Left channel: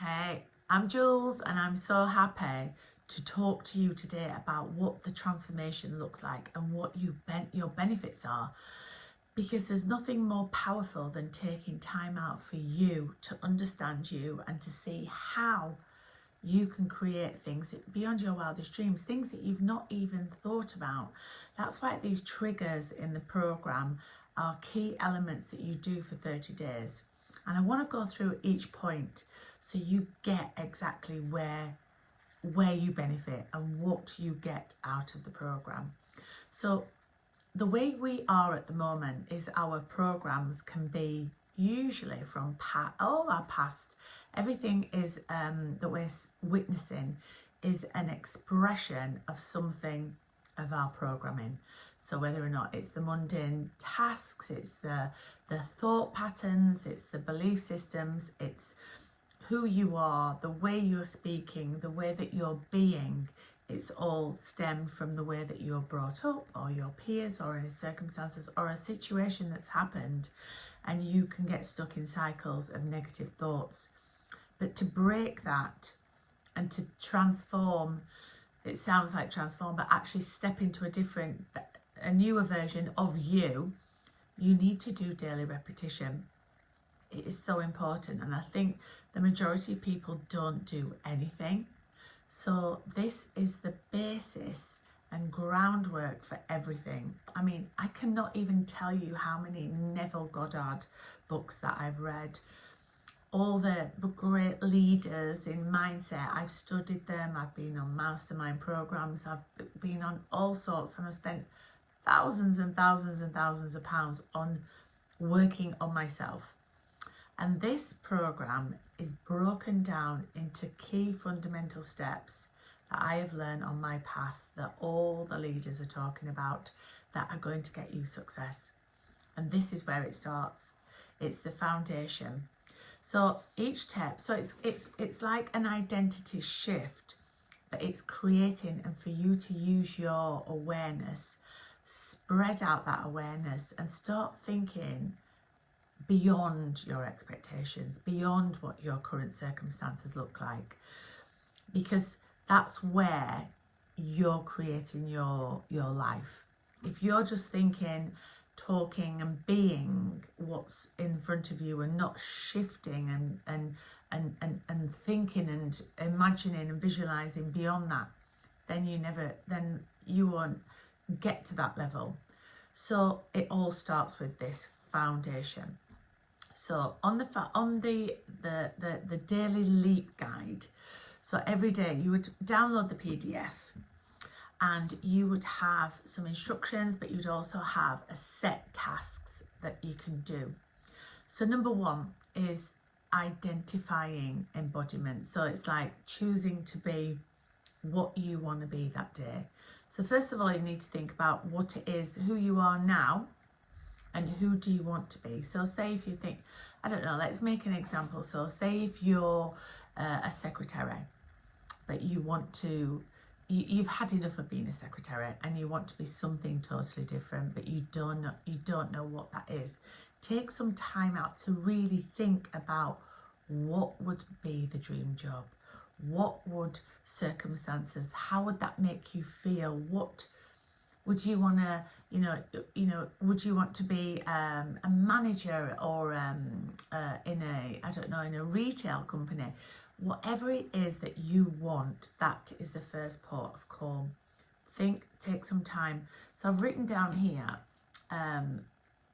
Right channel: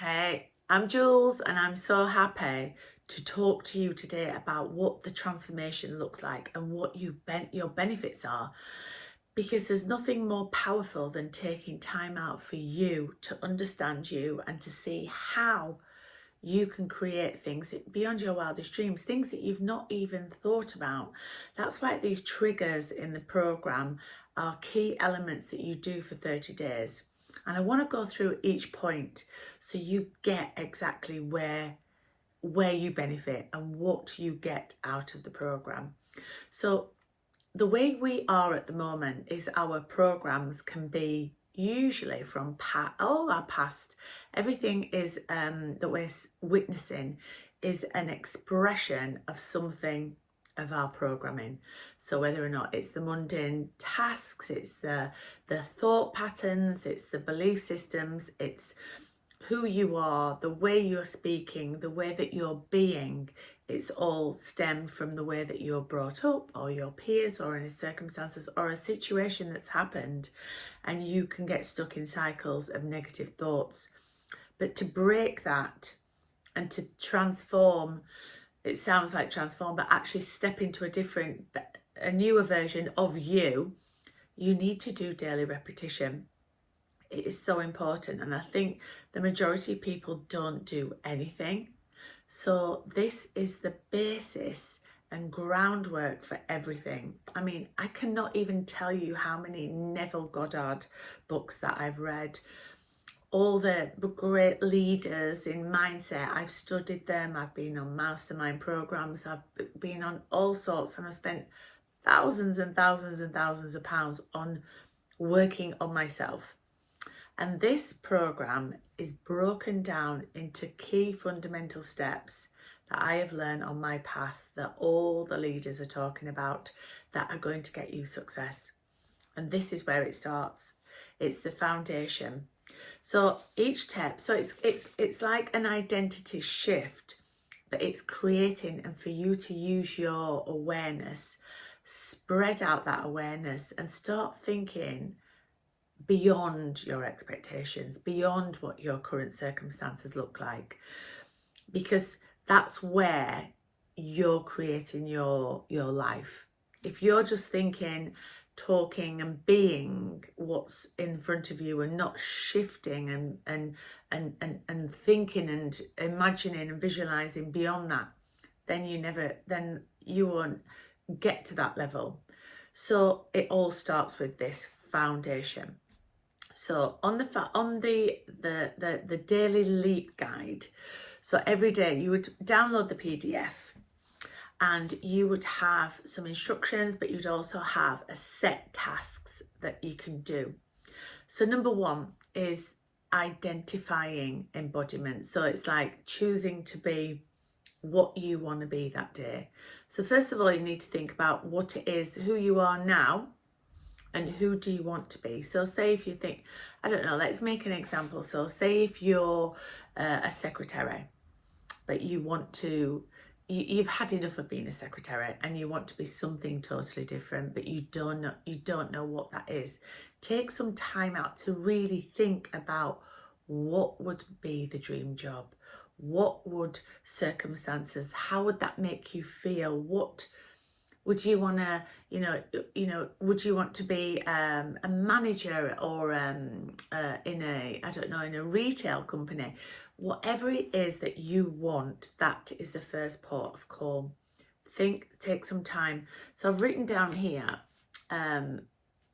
Hey, I'm Jules and I'm so happy to talk to you today about what the transformation looks like and what your benefits are, because there's nothing more powerful than taking time out for you to understand you and to see how you can create things beyond your wildest dreams, things that you've not even thought about. That's why these triggers in the program are key elements that you do for 30 days. And I want to go through each point so you get exactly where you benefit and what you get out of the program. So the way we are at the moment is our programs can be usually from all our past. Everything is that we're witnessing is an expression of something of our programming. So whether or not it's the mundane tasks, it's the thought patterns, it's the belief systems, it's who you are, the way you're speaking, the way that you're being, it's all stemmed from the way that you're brought up, or your peers, or any circumstances, or a situation that's happened, and you can get stuck in cycles of negative thoughts. But to break that and to transform, it sounds like transform, but actually step into a newer version of you, you need to do daily repetition. It is so important, and I think the majority of people don't do anything. So this is the basis and groundwork for everything. I mean, I cannot even tell you how many Neville Goddard books that I've read. All the great leaders in mindset, I've studied them. I've been on mastermind programs. I've been on all sorts, and I've spent thousands and thousands and thousands of pounds on working on myself. And this program is broken down into key fundamental steps that I have learned on my path, that all the leaders are talking about, that are going to get you success. And this is where it starts. It's the foundation. So each step, so it's like an identity shift, but it's creating, and for you to use your awareness, spread out that awareness and start thinking beyond your expectations, beyond what your current circumstances look like, because that's where you're creating your life. If you're just thinking, talking and being what's in front of you and not shifting and thinking and imagining and visualizing beyond that, then you won't get to that level. So it all starts with this foundation. So on the daily leap guide, so every day you would download the PDF and you would have some instructions, but you'd also have a set tasks that you can do. So number one is identifying embodiment. So it's like choosing to be what you want to be that day. So first of all, you need to think about what it is, who you are now, and who do you want to be. So say if you think, I don't know, let's make an example. So say if you're a secretary, but you want to, you've had enough of being a secretary and you want to be something totally different, but you don't know what that is. Take some time out to really think about what would be the dream job. What would circumstances, how would that make you feel? What would you want to, would you want to be a manager or in a retail company? Whatever it is that you want, that is the first port of call. Think, take some time. So I've written down here,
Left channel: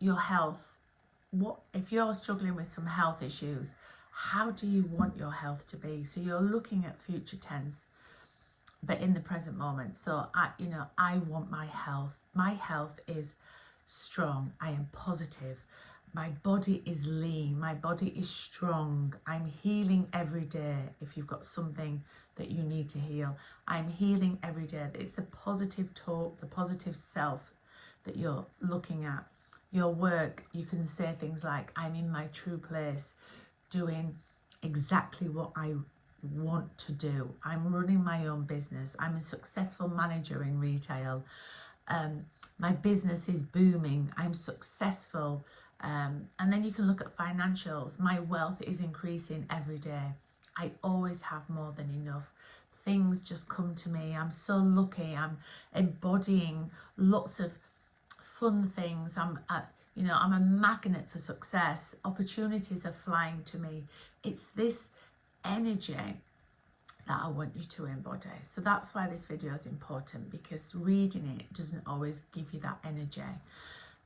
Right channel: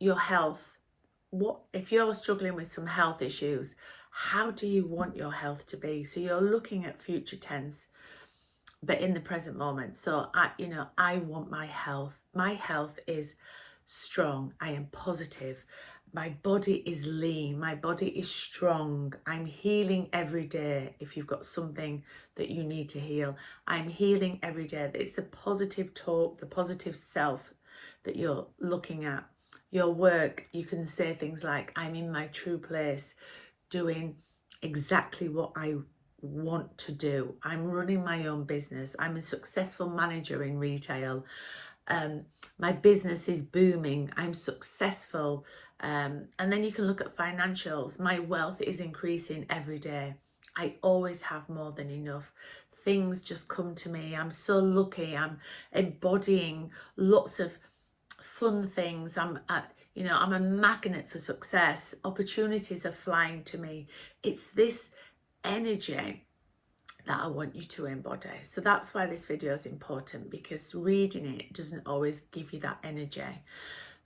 your health. What if you're struggling with some health issues? How do you want your health to be? So you're looking at future tense, but in the present moment. So I want my health. My health is strong. I am positive. My body is lean. My body is strong. I'm healing every day. If you've got something that you need to heal, I'm healing every day. It's the positive talk, the positive self that you're looking at. Your work, you can say things like, I'm in my true place, doing exactly what I want to do. I'm running my own business. I'm a successful manager in retail. My business is booming. I'm successful. And then you can look at financials. My wealth is increasing every day. I always have more than enough. Things just come to me. I'm so lucky. I'm embodying lots of fun things. I'm a magnet for success. Opportunities are flying to me. It's this energy that I want you to embody. So that's why this video is important, because reading it doesn't always give you that energy.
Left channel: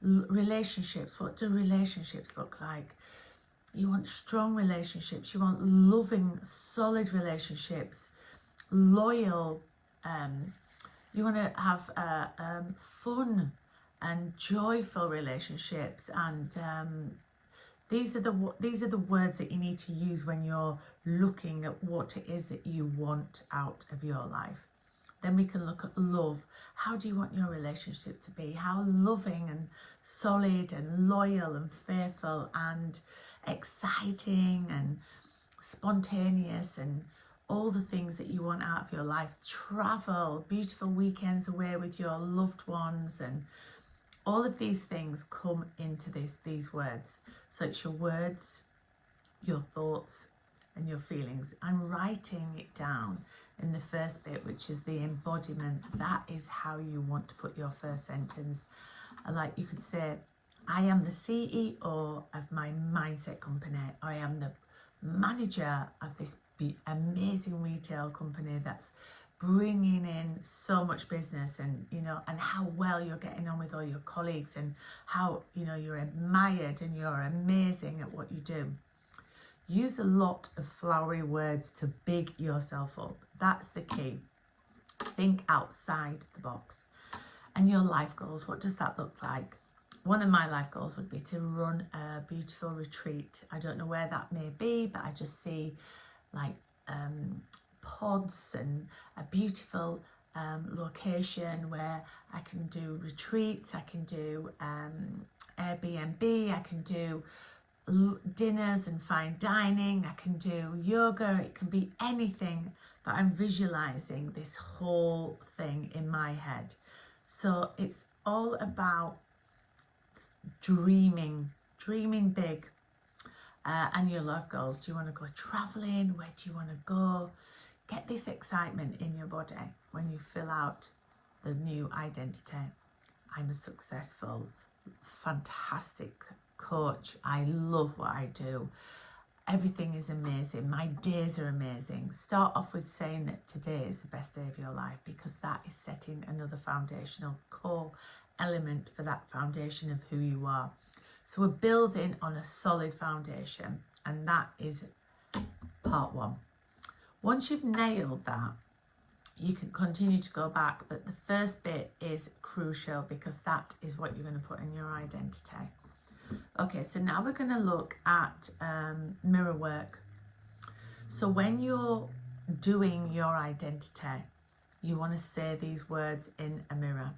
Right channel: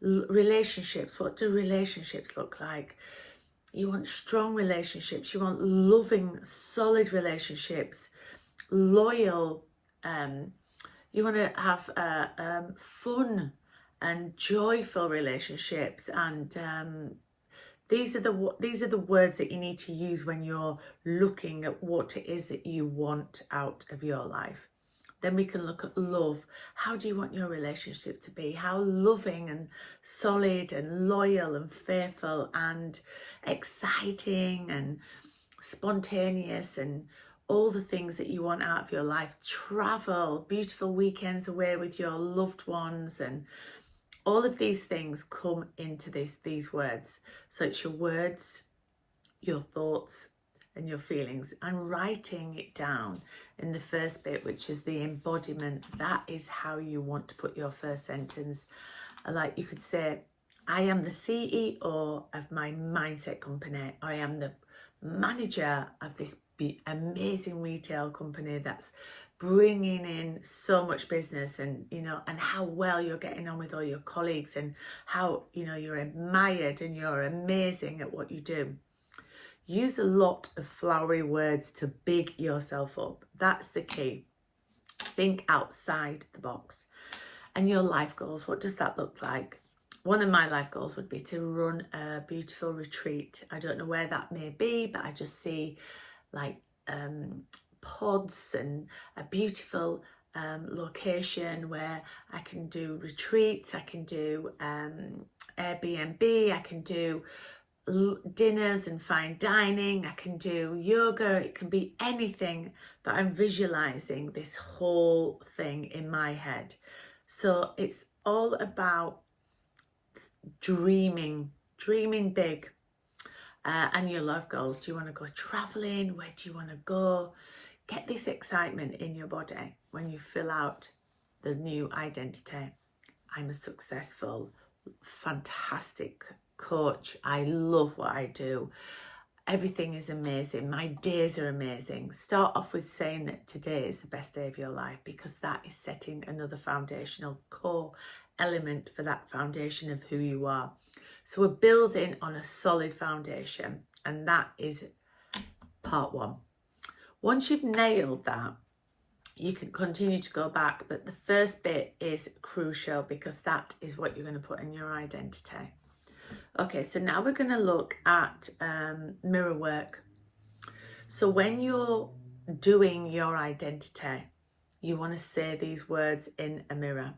Relationships, what do relationships look like? You want strong relationships, you want loving, solid relationships, loyal, you want to have fun and joyful relationships, and these are the words that you need to use when you're looking at what it is that you want out of your life. Then we can look at love. How do you want your relationship to be? How loving and solid and loyal and faithful and exciting and spontaneous, and all the things that you want out of your life. Travel, beautiful weekends away with your loved ones, and all of these things come into these words. So it's your words, your thoughts, and your feelings, and writing it down in the first bit, which is the embodiment. That is how you want to put your first sentence. Like you could say, I am the CEO of my mindset company, or I am the manager of this amazing retail company that's bringing in so much business, and and how well you're getting on with all your colleagues, and how you're admired and you're amazing at what you do. Use a lot of flowery words to big yourself up. That's the key. Think outside the box. And your life goals, what does that look like? One of my life goals would be to run a beautiful retreat. I don't know where that may be, but I just see like pods and a beautiful location where I can do retreats, I can do Airbnb, I can do dinners and fine dining, I can do yoga. It can be anything that I'm visualizing this whole thing in my head. So it's all about dreaming big. And your love goals. Do you want to go traveling? Where do you want to go? Get this excitement in your body when you fill out the new identity. I'm a successful, fantastic coach. I love what I do. Everything is amazing. My days are amazing. Start off with saying that today is the best day of your life, because that is setting another foundational core element for that foundation of who you are. So we're building on a solid foundation, and that is part one. Once you've nailed that, you can continue to go back, but the first bit is crucial, because that is what you're going to put in your identity. Okay, so now we're going to look at mirror work. So when you're doing your identity, you want to say these words in a mirror,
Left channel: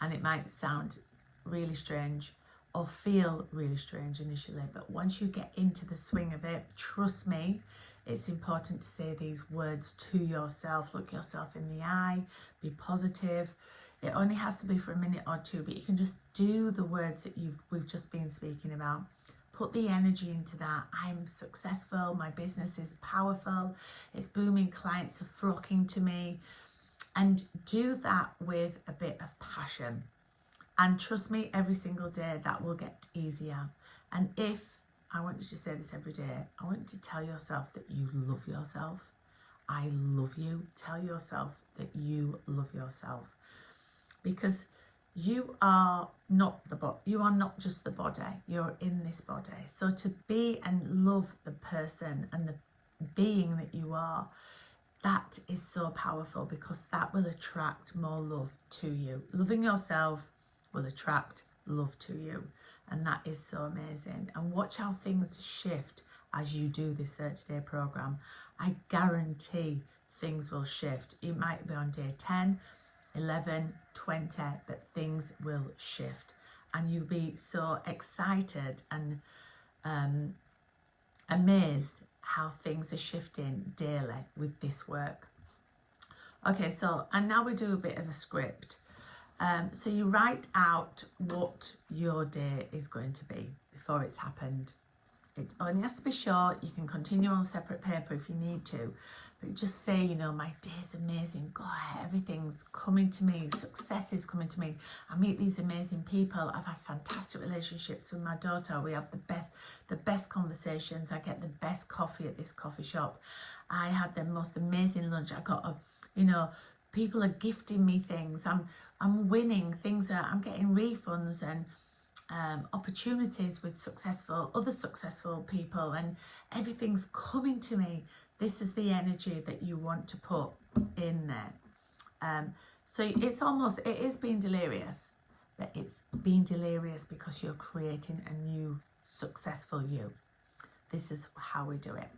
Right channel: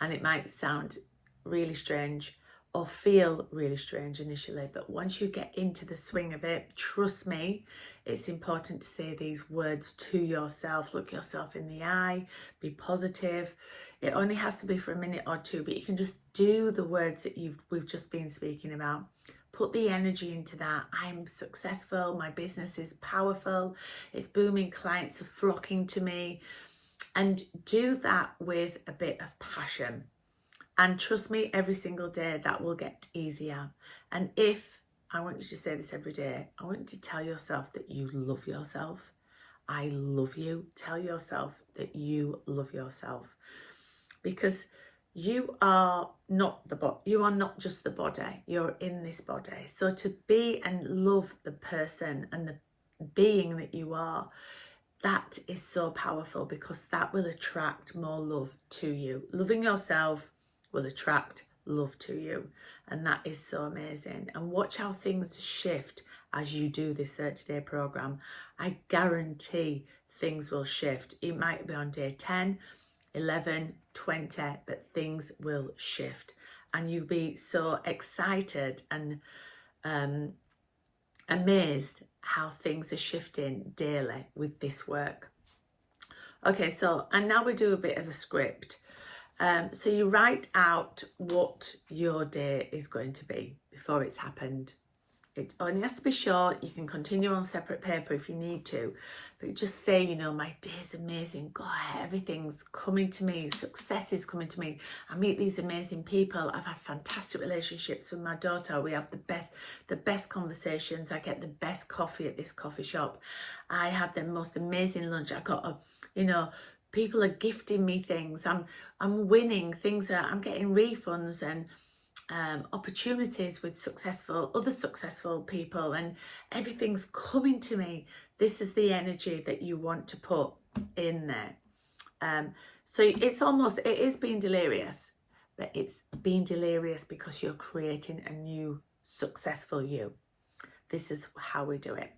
and it might sound really strange or feel really strange initially, but once you get into the swing of it, trust me, it's important to say these words to yourself. Look yourself in the eye, be positive. It only has to be for a minute or two, but you can just do the words that we've just been speaking about. Put the energy into that. I'm successful, my business is powerful, it's booming, clients are flocking to me. And do that with a bit of passion. And trust me, every single day that will get easier. And I want you to say this every day, I want you to tell yourself that you love yourself. I love you. Tell yourself that you love yourself, because you are not just the body, you're in this body. So to be and love the person and the being that you are, that is so powerful, because that will attract more love to you. Loving yourself will attract love to you, and that is so amazing. And watch how things shift as you do this 30-day program. I guarantee things will shift. It might be on day 10, 11, 20, but things will shift, and you'll be so excited and amazed how things are shifting daily with this work. Okay, so, and now we do a bit of a script. So you write out what your day is going to be before it's happened. It only has to be short. You can continue on separate paper if you need to, but just say, you know, my day's amazing. God, everything's coming to me. Success is coming to me. I meet these amazing people. I've had fantastic relationships with my daughter. We have the best conversations. I get the best coffee at this coffee shop. I had the most amazing lunch. I got people are gifting me things. I'm winning things. I'm getting refunds and opportunities with other successful people, and everything's coming to me. This is the energy that you want to put in there. So it is being delirious, but it's being delirious because you're creating a new successful you. This is how we do it.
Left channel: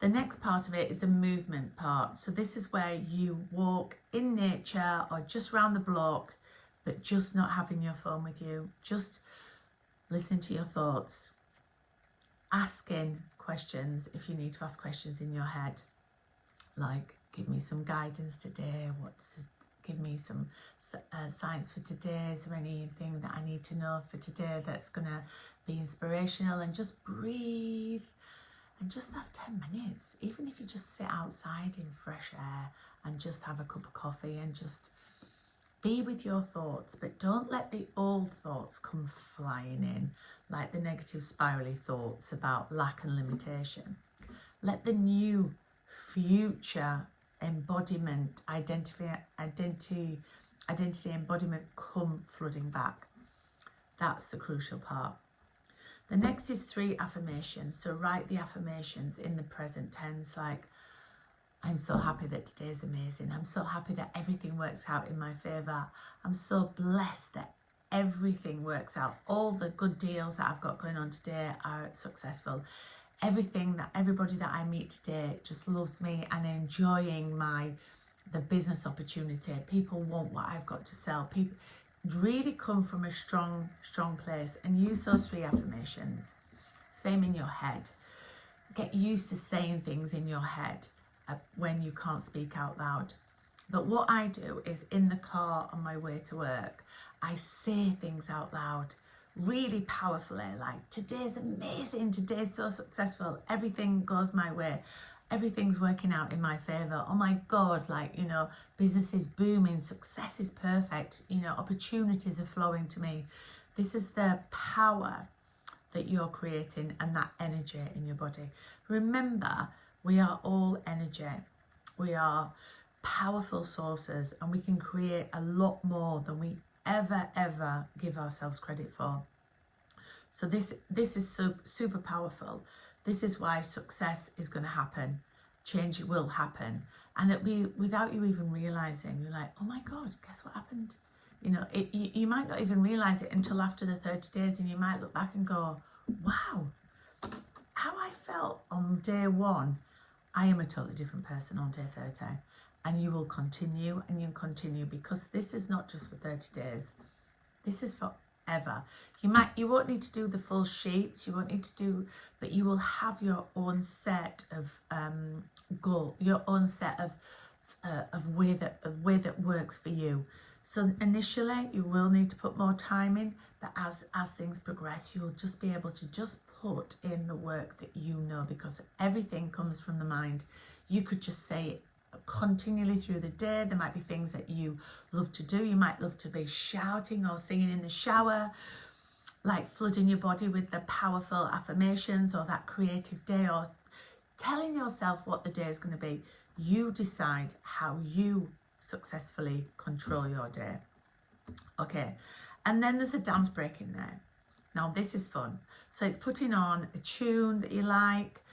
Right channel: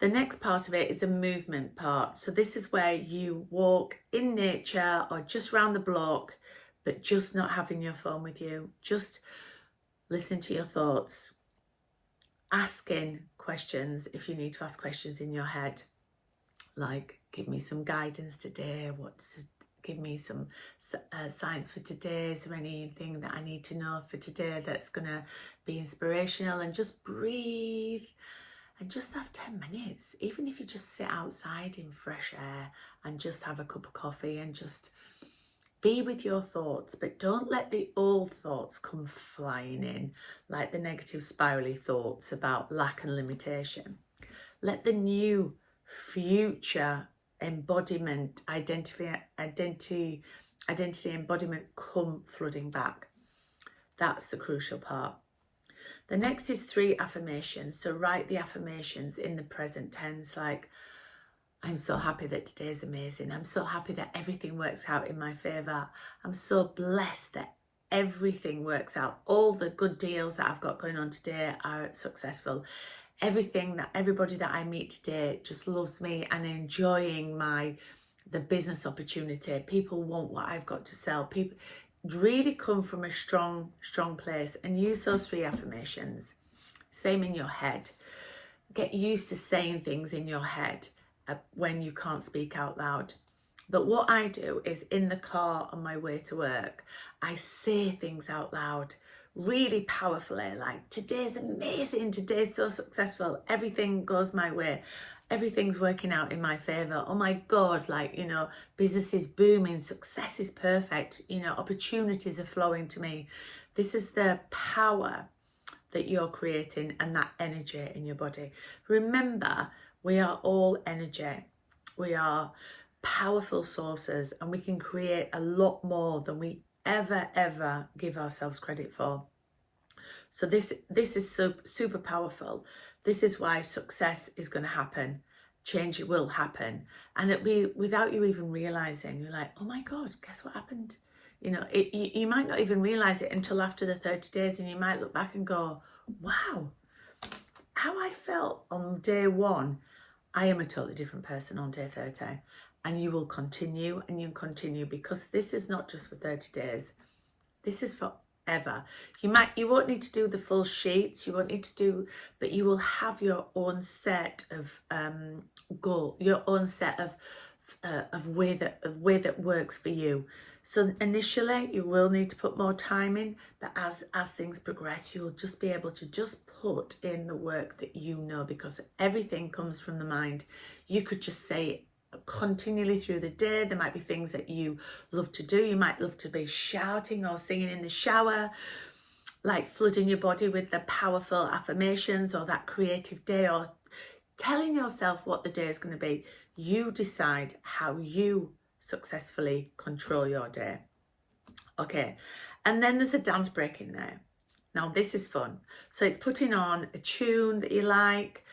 The next part of it is a movement part. So this is where you walk in nature or just round the block, but just not having your phone with you. Just listen to your thoughts. Asking questions if you need to ask questions in your head. Like, give me some guidance today. Give me some science for today. Is there anything that I need to know for today that's going to be inspirational? And just breathe. And just have 10 minutes. Even if you just sit outside in fresh air and just have a cup of coffee and just be with your thoughts, but don't let the old thoughts come flying in, like the negative spirally thoughts about lack and limitation. Let the new future embodiment, identity embodiment come flooding back. That's the crucial part. The next is 3 affirmations. So write the affirmations in the present tense, like, I'm so happy that today is amazing. I'm so happy that everything works out in my favour. I'm so blessed that everything works out. All the good deals that I've got going on today are successful. Everybody that I meet today just loves me and enjoying the business opportunity. People want what I've got to sell. People really come from a strong place, and use those 3 affirmations. Same in your head. Get used to saying things in your head when you can't speak out loud. But what I do is, in the car on my way to work, I say things out loud really powerfully, like, today's amazing, today's so successful, everything goes my way, everything's working out in my favor. Oh my God, like, you know, business is booming, success is perfect, you know, opportunities are flowing to me. This is the power that you're creating and that energy in your body. Remember, we are all energy. We are powerful sources, and we can create a lot more than we ever give ourselves credit for. So this is super powerful. This is why success is going to happen. Change will happen, and it'll be without you even realizing. You're like, oh my God, guess what happened? You know, you might not even realize it until after the 30 days, and you might look back and go, wow, how I felt on day 1, I am a totally different person on day 30. And you will continue, and you continue, because this is not just for 30 days. This is forever. You won't need to do the full sheets. You won't need to do, but you will have your own set of goal, your own set of way that works for you. So initially, you will need to put more time in, but as things progress, you'll just be able to just put in the work that you know, because everything comes from the mind. You could just say it continually through the day. There might be things that you love to do. You might love to be shouting or singing in the shower, like flooding your body with the powerful affirmations, or that creative day, or telling yourself what the day is going to be. You decide how you successfully control your day. Okay, and then there's a dance break in there. Now this is fun. So it's putting on a tune that you like.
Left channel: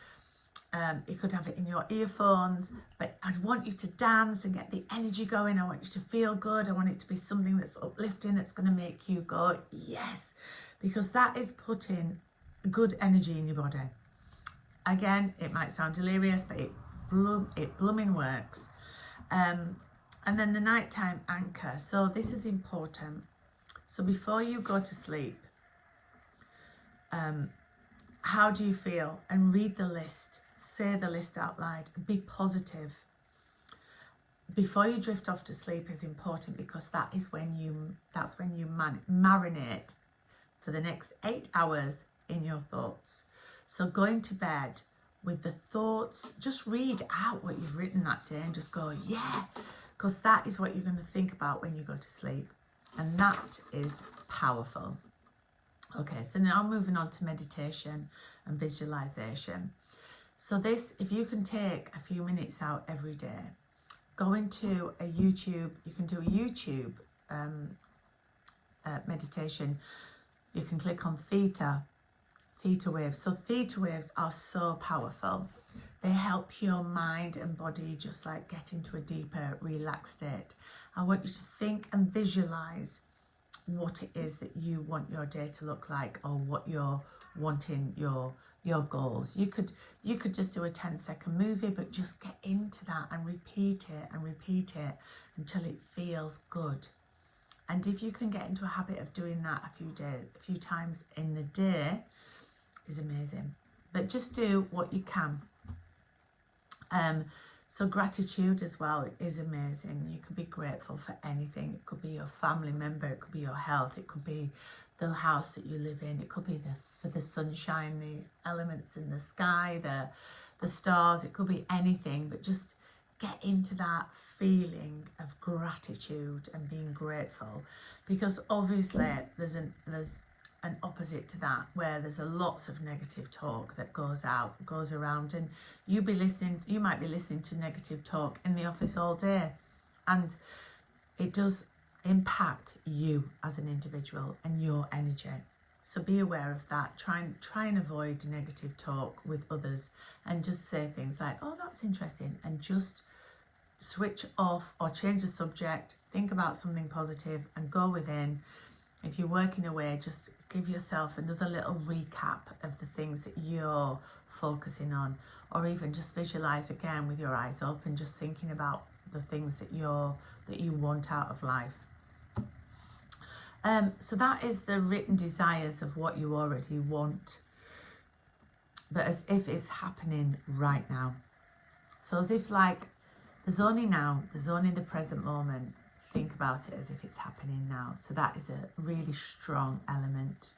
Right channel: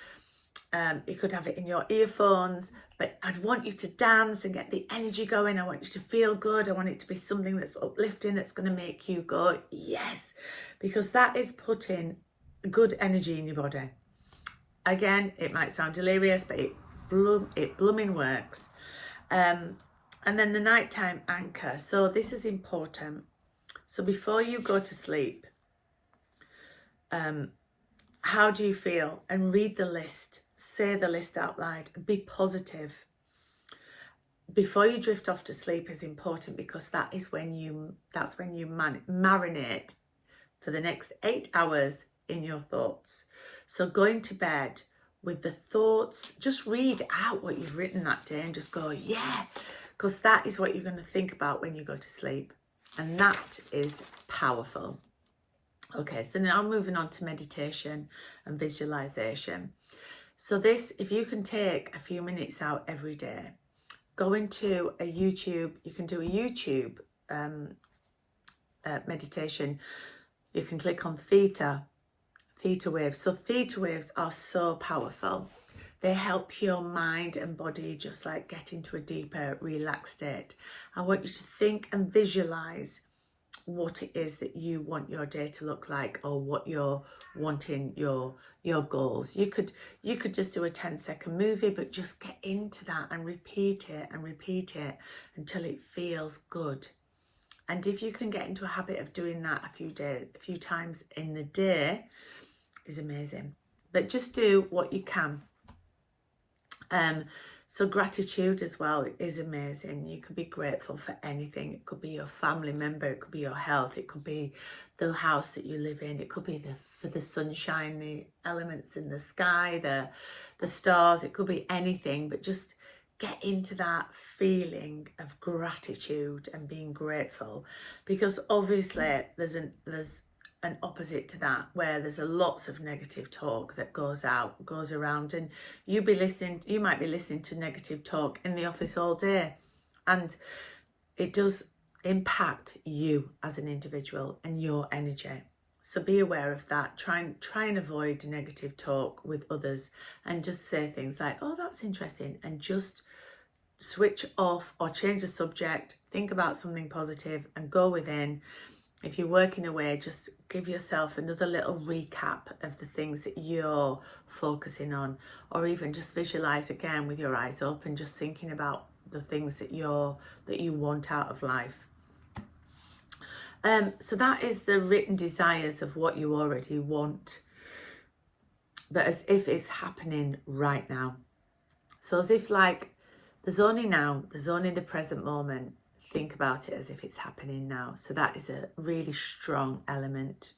You could have it in your earphones, but I'd want you to dance and get the energy going. I want you to feel good. I want it to be something that's uplifting, that's going to make you go, yes, because that is putting good energy in your body. Again, it might sound delirious, but it blooming works. And then the nighttime anchor. So this is important. So before you go to sleep, how do you feel? And read the list. Say the list out loud. Be positive. Before you drift off to sleep is important, because that's when you marinate for the next 8 hours in your thoughts. So going to bed with the thoughts, just read out what you've written that day and just go, yeah, because that is what you're going to think about when you go to sleep. And that is powerful. Okay, so now moving on to meditation and visualization. So this, if you can take a few minutes out every day, go into a YouTube, you can do a YouTube meditation. You can click on theta waves. So theta waves are so powerful. They help your mind and body just like get into a deeper, relaxed state. I want you to think and visualize what it is that you want your day to look like, or what you're wanting, your goals. You could just do a 10-second movie, but just get into that and repeat it until it feels good. And if you can get into a habit of doing that a few times in the day, is amazing. But just do what you can. So gratitude as well is amazing. You could be grateful for anything. It could be your family member, it could be your health, it could be the house that you live in, it could be for the sunshine, the elements in the sky, the stars, it could be anything. But just get into that feeling of gratitude and being grateful, because obviously there's an opposite to that, where there's lots of negative talk that goes around, and you might be listening to negative talk in the office all day, and it does impact you as an individual and your energy. So be aware of that. Try and avoid negative talk with others, and just say things like, oh, that's interesting, and just switch off or change the subject, think about something positive and go within. If you're working away, just give yourself another little recap of the things that you're focusing on, or even just visualize again with your eyes open, just thinking about the things that you want out of life. So that is the written desires of what you already want, but as if it's happening right now. So as if like there's only the present moment. Think about it as if it's happening now. So that is a really strong element.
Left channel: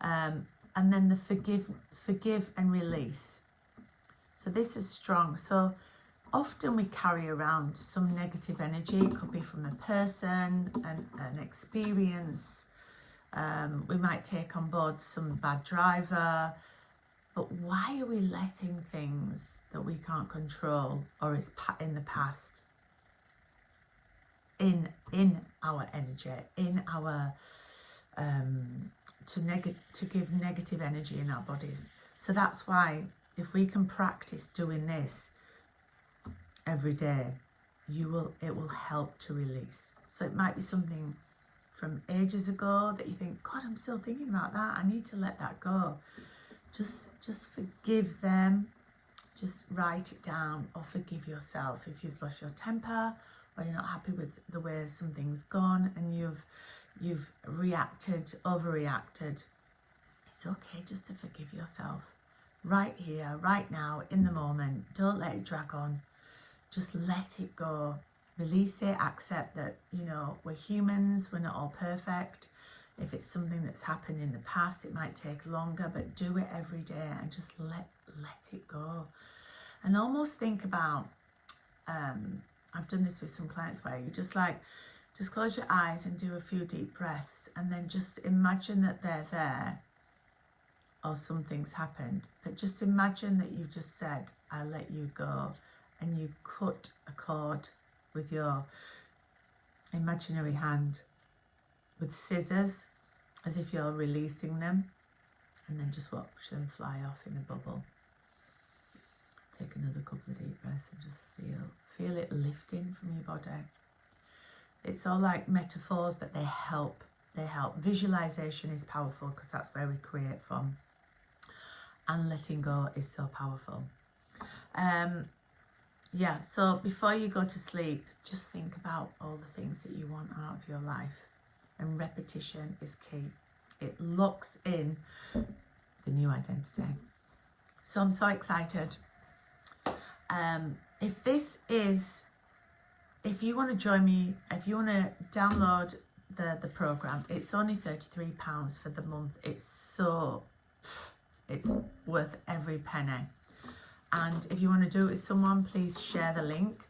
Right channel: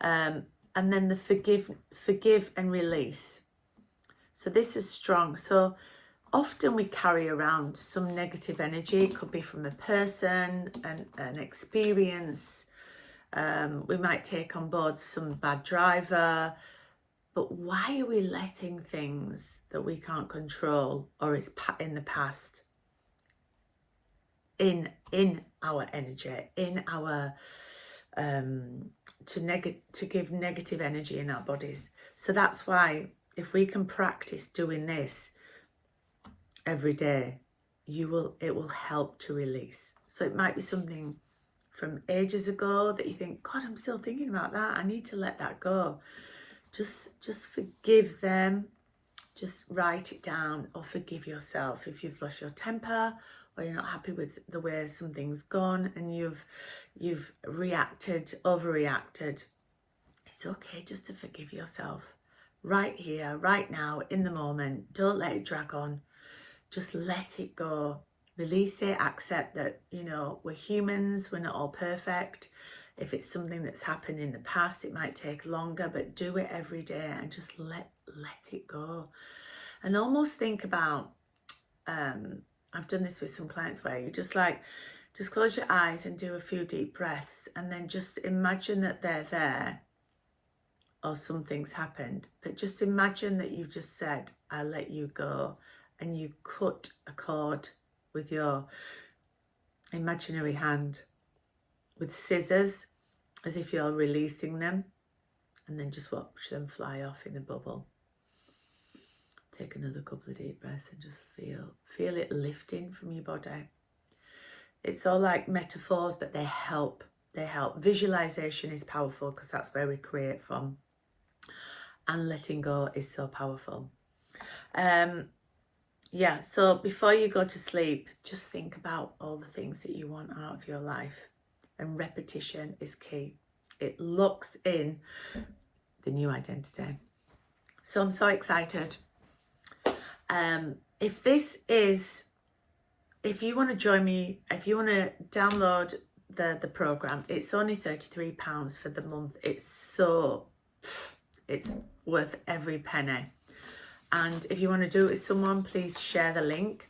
And then the forgive and release. So this is strong. So often we carry around some negative energy. It could be from a person, an experience. We might take on board some bad driver. But why are we letting things that we can't control, or is in the past, in our energy, in our to give negative energy in our bodies? So that's why if we can practice doing this every day, it will help to release. So it might be something from ages ago that you think, God, I'm still thinking about that, I need to let that go. Just forgive them. Just write it down, or forgive yourself if you've lost your temper, or you're not happy with the way something's gone and you've overreacted. It's okay just to forgive yourself right here, right now, in the moment. Don't let it drag on. Just let it go. Release it. Accept that, we're humans, we're not all perfect. If it's something that's happened in the past, it might take longer, but do it every day and just let it go. And almost think about, I've done this with some clients where you just close your eyes and do a few deep breaths, and then just imagine that they're there, or something's happened, but just imagine that you've just said, I let you go, and you cut a cord with your imaginary hand with scissors, as if you're releasing them, and then just watch them fly off in a bubble. Take another couple of deep breaths and just feel it lifting from your body. It's all like metaphors, but they help. Visualization is powerful because that's where we create from, and letting go is so powerful. So before you go to sleep, just think about all the things that you want out of your life. And repetition is key. It locks in the new identity. So I'm so excited. If you want to join me, if you want to download the program, it's only £33 for the month. It's so it's worth every penny. And if you want to do it with someone, please share the link.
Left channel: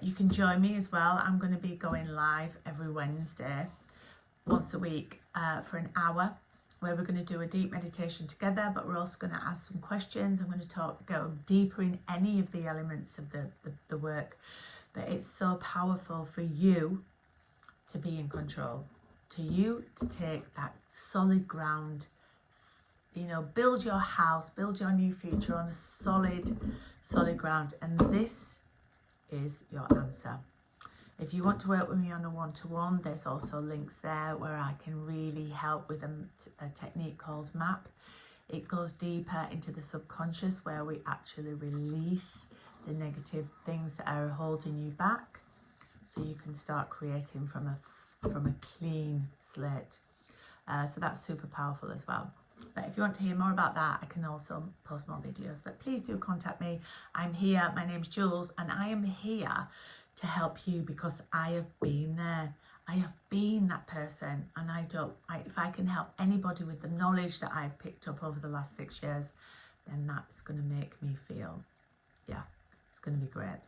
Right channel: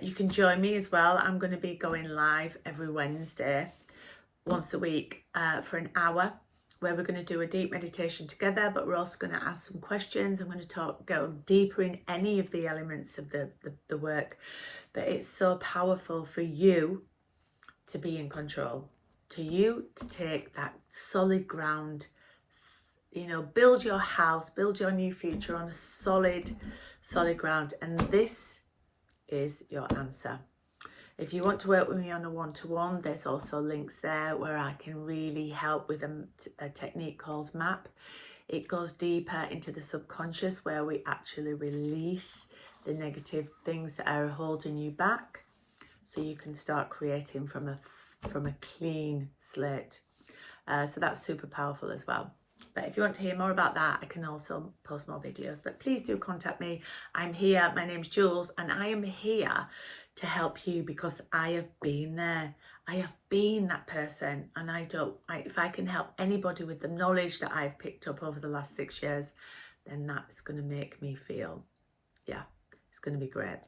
You can join me as well. I'm going to be going live every Wednesday, once a week, for an hour, where we're going to do a deep meditation together, but we're also going to ask some questions. I'm going to go deeper in any of the elements of the work. But it's so powerful for you to be in control, to take that solid ground, you know, build your house, build your new future on a solid ground. And this is your answer. If you want to work with me on a one-to-one, there's also links there where I can really help with a technique called MAP. It goes deeper into the subconscious, where we actually release the negative things that are holding you back, so you can start creating from a clean slate. So that's super powerful as well. But if you want to hear more about that, I can also post more videos. But please do contact me. I'm here. My name's Jules, and I am here to help you because I have been there. I have been that person, and if I can help anybody with the knowledge that I've picked up over the last 6 years, then that's going to make me feel, yeah, it's going to be great.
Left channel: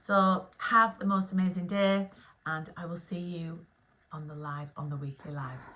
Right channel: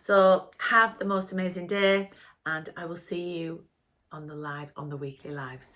So have the most amazing day, and I will see you on the weekly lives.